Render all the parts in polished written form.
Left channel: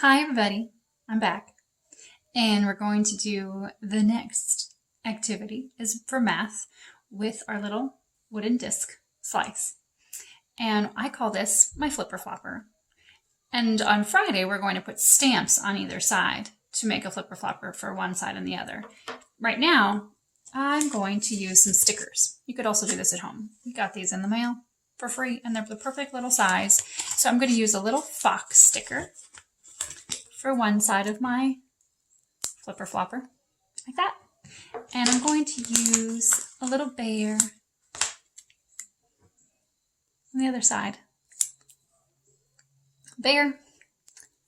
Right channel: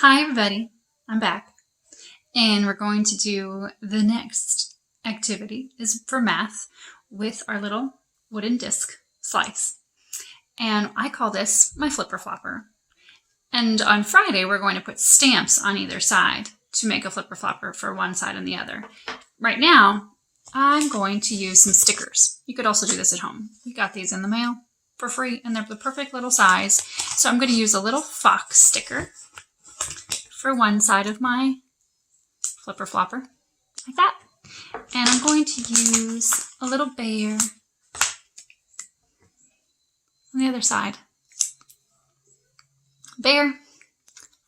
Hi everybody, I'm back, and we're going to do the next activity is for math with our little wooden disc slice. And I call this my flipper flopper. And on Friday, we're going to put stamps on either side to make a flipper flopper for one side and the other. Right now, I'm going to use some stickers. You could also do this at home. We got these in the mail for free, and they're the perfect little size. So I'm going to use a little fox sticker for one side of my flipper flopper, like that. And I'm going to use a little bear on the other side. Bear,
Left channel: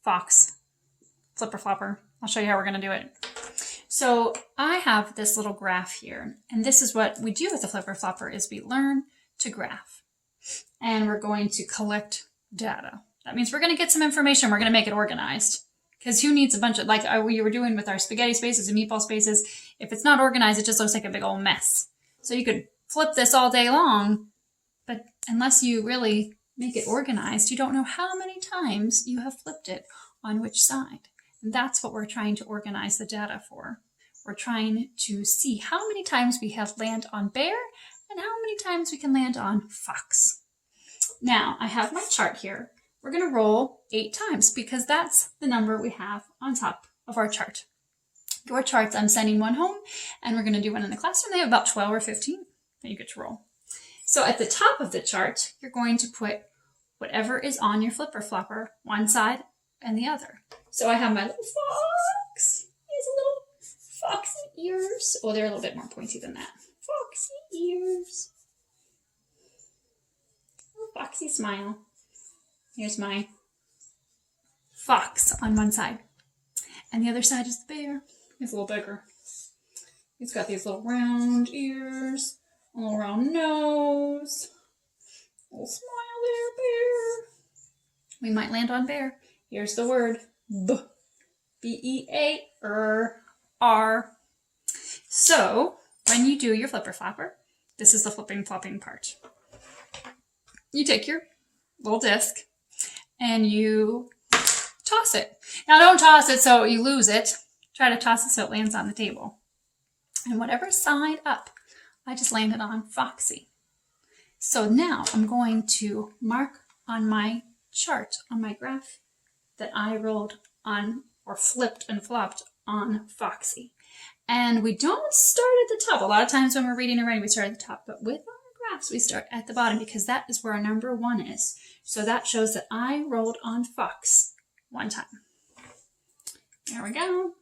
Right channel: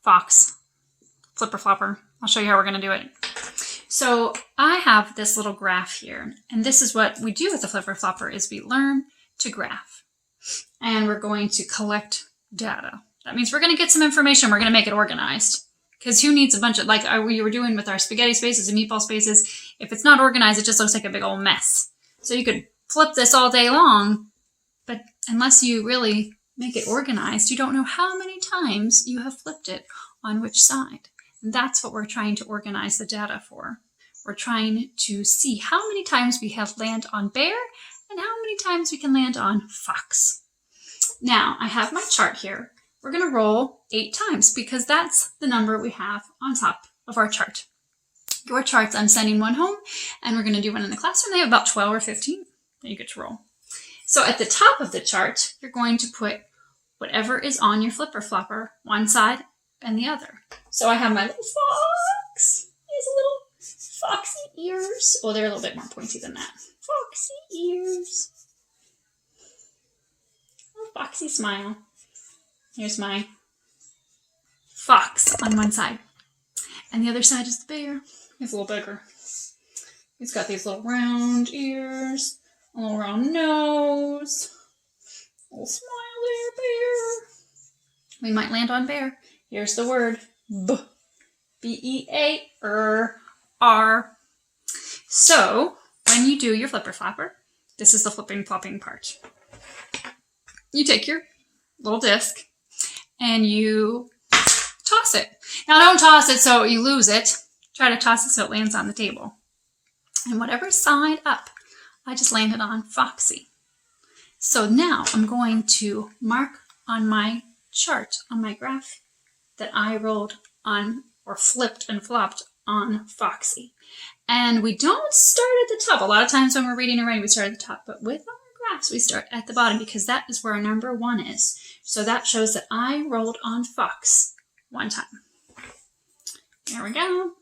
fox, flipper flopper. I'll show you how we're going to do it. So I have this little graph here, and this is what we do with the flipper flopper is we learn to graph. And we're going to collect data. That means we're going to get some information. We're going to make it organized. Because who needs a bunch of, like we were doing with our spaghetti spaces and meatball spaces, if it's not organized, it just looks like a big old mess. So you could flip this all day long, but unless you really make it organized, you don't know how many times you have flipped it on which side. And that's what we're trying to organize the data for. We're trying to see how many times we have land on bear and how many times we can land on fox. Now, I have my chart here. We're going to roll 8 times because that's the number we have on top of our chart. Your charts, I'm sending one home, and we're going to do one in the classroom. They have about 12 or 15 that you get to roll. So at the top of the chart, you're going to put whatever is on your flipper flopper, one side and the other. So I have my little fox. He has a little foxy ears. Oh, they're a little bit more pointy than that. Foxy ears. Little foxy smile. Here's my fox on one side. And the other side is the bear. He's a little bigger. He's got these little round ears, a little round nose, a little smile there, bear. We might land on bear. Here's the word, B. B-E-A-R. So, when you do your flipper flopper, this is the flipping flopping part. You take your little disc, and you toss it. Now don't toss it so you lose it. Try to toss it so it lands on the table. And whatever side up, I just landed on foxy. So now I'm going to mark on my chart, on my graph, that I rolled on or flipped and flopped on foxy. And we don't start at the top. A lot of times when we're reading and writing, we start at the top. But with our graphs, we start at the bottom because that is where our number 1 is. So that shows that I rolled on fox one time. There we go.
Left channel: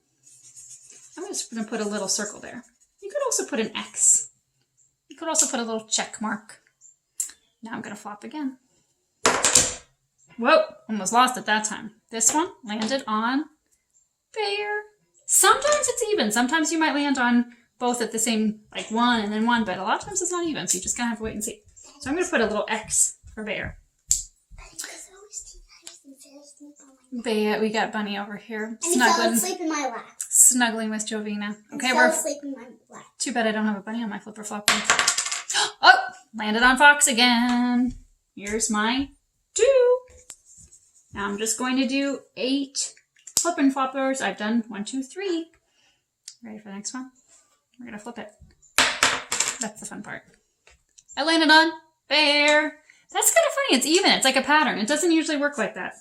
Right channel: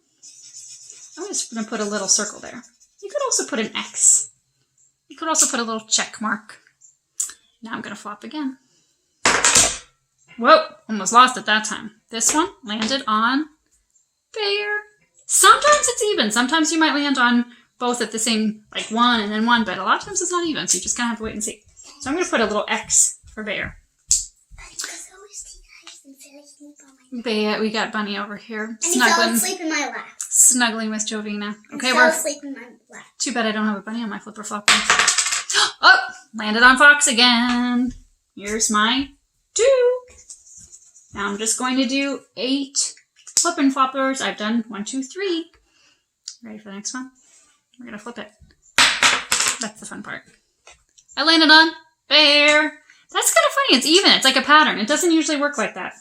I'm just going to put a little circle there. You could also put an X. You could also put a little check mark. Now I'm going to flop again. Whoa, almost lost it that time. This one landed on bear. Sometimes it's even. Sometimes you might land on both at the same, like 1 and then 1, but a lot of times it's not even, so you just kind of have to wait and see. So I'm going to put a little X for bear. Bear, we got Bunny over here. And he fell asleep in my lap. Snuggling with Jovina. Okay, we're asleep in my lap. Too bad I don't have a bunny on my flipper flopper. Oh, landed on fox again. Here's my 2. Now I'm just going to do 8 flipping floppers. I've done 1, 2, 3. Ready for the next one? We're gonna flip it. That's the fun part. I landed on bear. That's kind of funny. It's even. It's like a pattern. It doesn't usually work like that.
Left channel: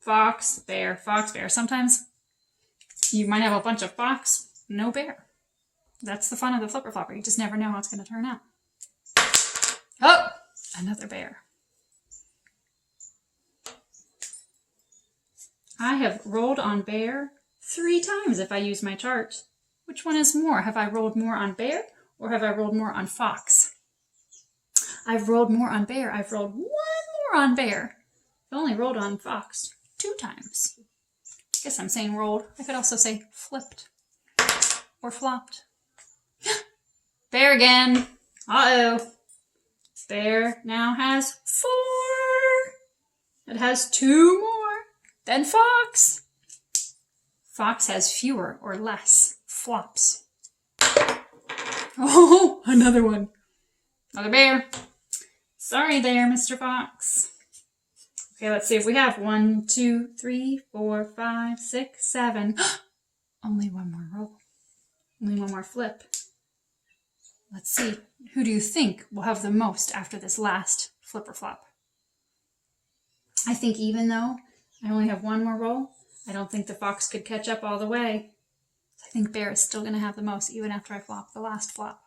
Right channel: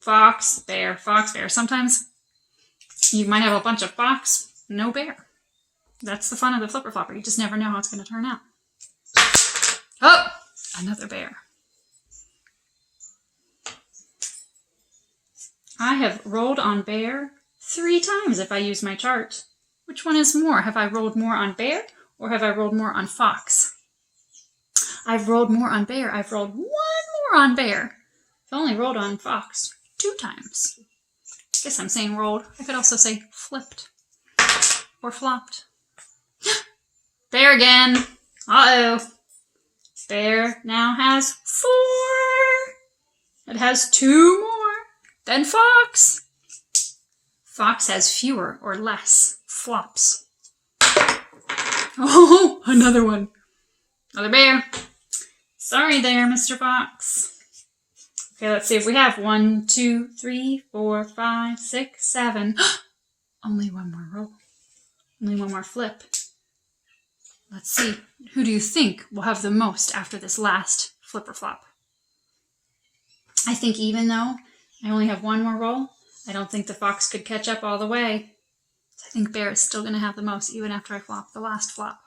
Fox, bear, fox, bear. Sometimes you might have a bunch of fox, no bear. That's the fun of the flipper flopper. You just never know how it's going to turn out. Oh, another bear. I have rolled on bear 3 times if I use my chart. Which one is more? Have I rolled more on bear or have I rolled more on fox? I've rolled more on bear. I've rolled 1 more on bear. I've only rolled on fox 2 times. I guess I'm saying rolled. I could also say flipped or flopped. Bear again. Uh-oh. Bear now has 4. It has 2 more than fox. Fox has fewer or less flops. Oh, another one. Another bear. Sorry there, Mr. Fox. Okay, let's see if we have 1, 2, 3, 4, 5, 6, 7. Only one more roll. Only one more flip. Let's see. Who do you think will have the most after this last flip or flop? I think even though I only have one more roll, I don't think the fox could catch up all the way. So I think bear is still going to have the most even after I flop the last flop.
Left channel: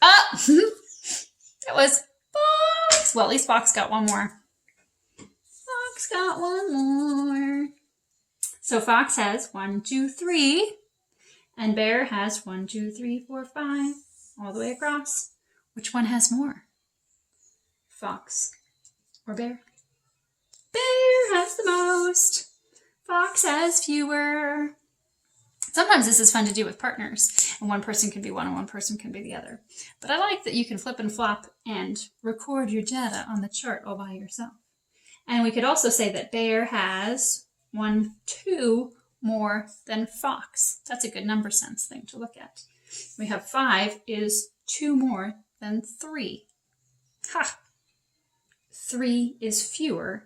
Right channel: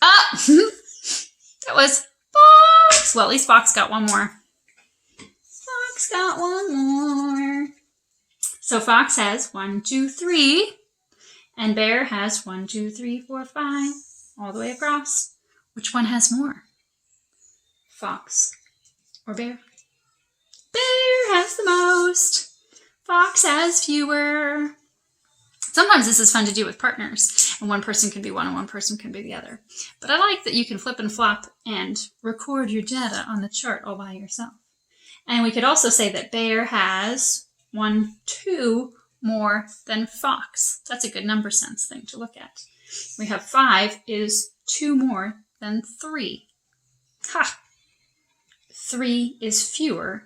Ah! That was fox! Well, at least fox got one more. Fox got one more. So fox has 1, 2, 3. And bear has 1, 2, 3, 4, 5. All the way across. Which one has more? Fox or bear? Bear has the most. Fox has fewer. Sometimes this is fun to do with partners, and one person can be one and one person can be the other. But I like that you can flip and flop and record your data on the chart all by yourself. And we could also say that bear has 1, 2 more than fox. That's a good number sense thing to look at. We have 5 is 2 more than 3. Ha! 3 is fewer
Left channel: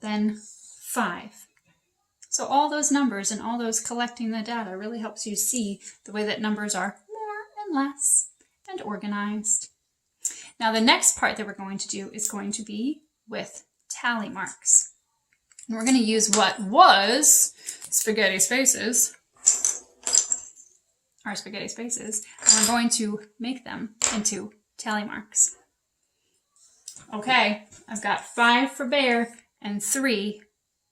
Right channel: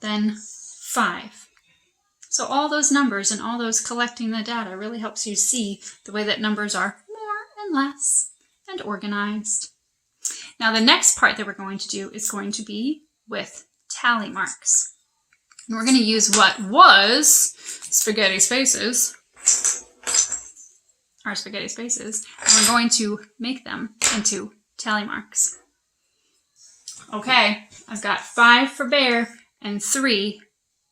than 5. So all those numbers and all those collecting the data really helps you see the way that numbers are more and less and organized. Now the next part that we're going to do is going to be with tally marks. And we're going to use what was spaghetti spaces, our spaghetti spaces, and we're going to make them into tally marks. Okay, I've got 5 for bear and 3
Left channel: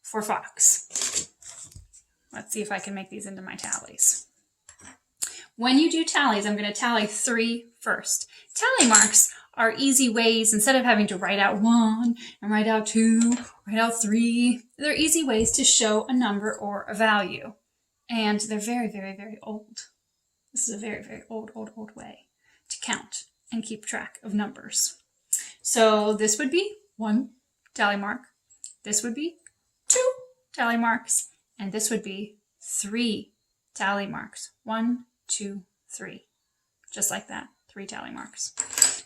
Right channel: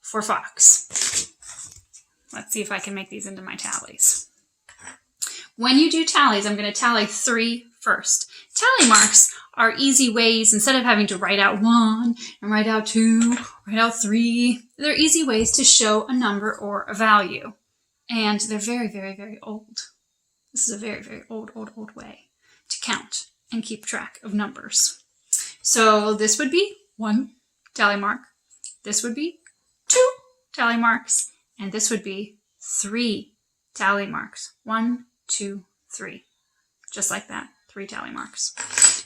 for fox. Let's see if I can make these into my tallies. When you do tallies, I'm going to tally 3 first. Tally marks are easy ways, instead of having to write out 1 and write out 2, write out 3, they're easy ways to show a number or a value. And they're very, very, very old. This is a very, very old way to count and keep track of numbers. So this would be 1 tally mark. This would be 2 tally marks. And this would be 3 tally marks. 1, 2, 3. Just like that. 3 tally marks.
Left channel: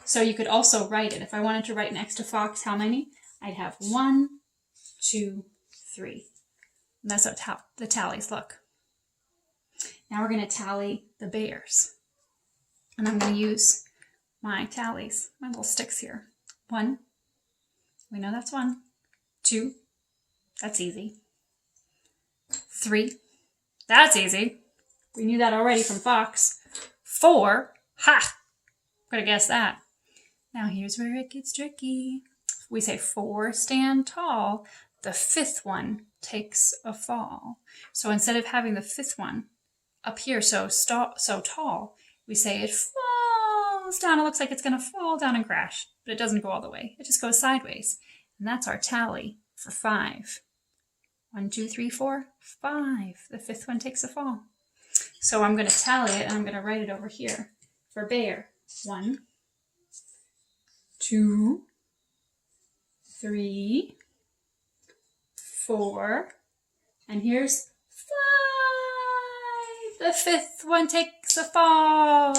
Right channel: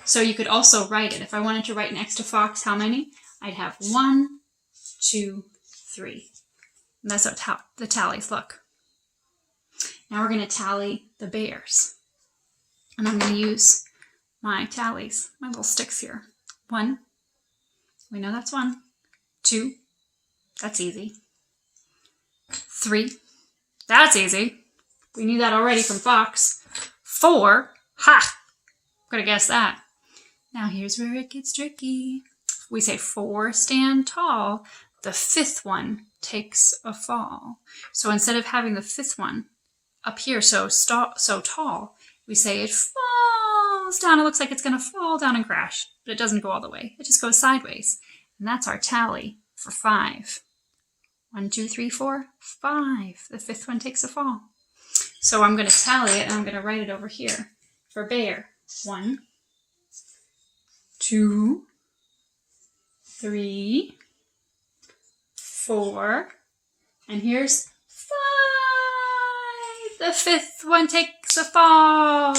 So you could also write it. If I wanted to write next to fox, how many? I'd have 1, 2, 3. And that's how the tallies look. Now we're going to tally the bears. And I'm going to use my tallies, my little sticks here. 1. We know that's 1. 2. That's easy. 3. That's easy. We knew that already from fox. 4. Ha! Could have guessed that. Now here's where it gets tricky. We say 4 stand tall. The 5th one takes a fall. So instead of having the 5th one up here so tall, we say it falls down. It looks like it's going to fall down and crash, but it doesn't go all the way. It just goes sideways. And that's our tally for 5. 1, 2, 3, 4, 5. The 5th one takes a fall. So I'm going to tally it and I'm going to write it over here. For bear, 1, 2, 3, 4, and here's 5. The 5th one takes a fall.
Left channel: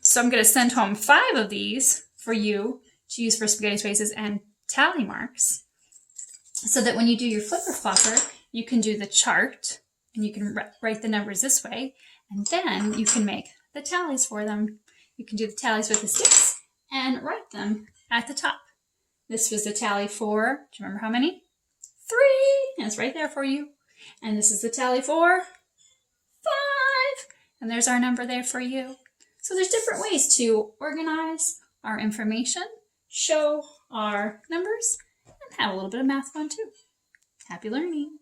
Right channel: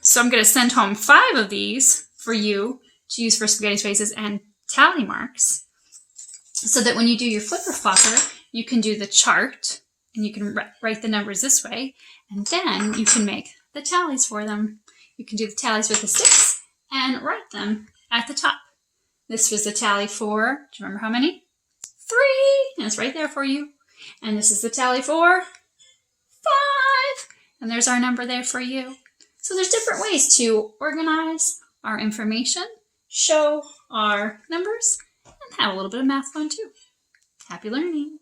So I'm going to send home 5 of these for you to use for spaghetti spaces and tally marks, so that when you do your flipper flopper, you can do the chart and you can write the numbers this way, and then you can make the tallies for them. You can do the tallies with the sticks and write them at the top. This was the tally for, do you remember how many? 3, and it's right there for you. And this is the tally for 5, and there's our number there for you. So there's different ways to organize our information, show our numbers, and have a little bit of math fun too. Happy learning!